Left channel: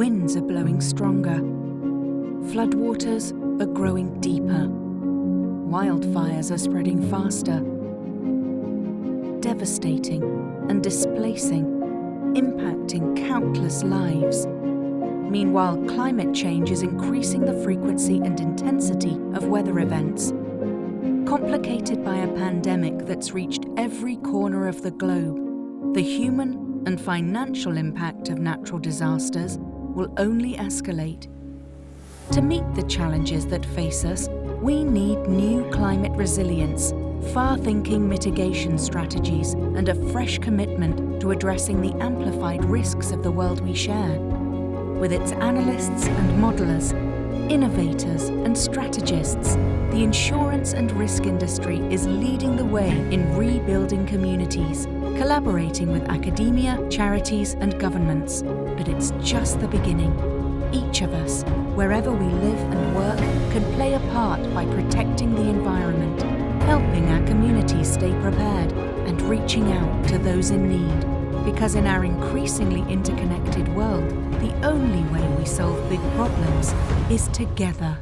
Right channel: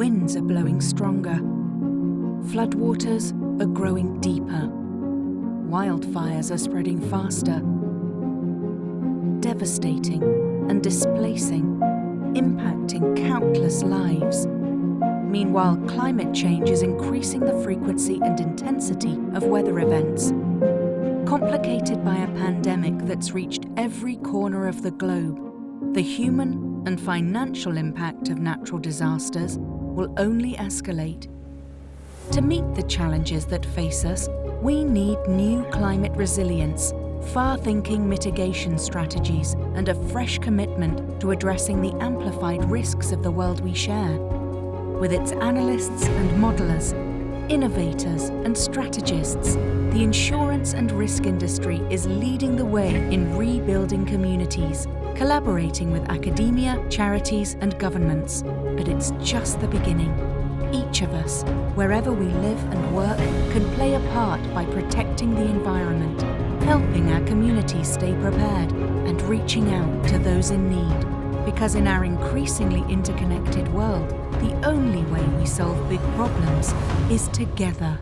Winds are blowing stronger. Floodwaters are growing deeper. Wildfires are spreading faster. Devastating and displacing, impacting countless lives. Meanwhile, climate change is increasing the frequency and intensity of weather events. Complicated by a pandemic that's reached every corner of the globe, the human and financial impact of natural disasters will only escalate. To meet the challenges that face us, we need new climate resilience, far-thinking mitigation strategies, and a fresh commitment to addressing the amplified risks of the world we share. With its analysts and modelers, innovators and strategists, the insurance and risk industry is leading the way in rebuilding communities, collaborating with academia, charities and governments. But it's just the beginning. Each of us, wherever we live and work, can play a part by protecting the environment, helping our communities stay prepared, and reaching out to those in need. Because in our increasingly interconnected world, the only way we solve big problems is together.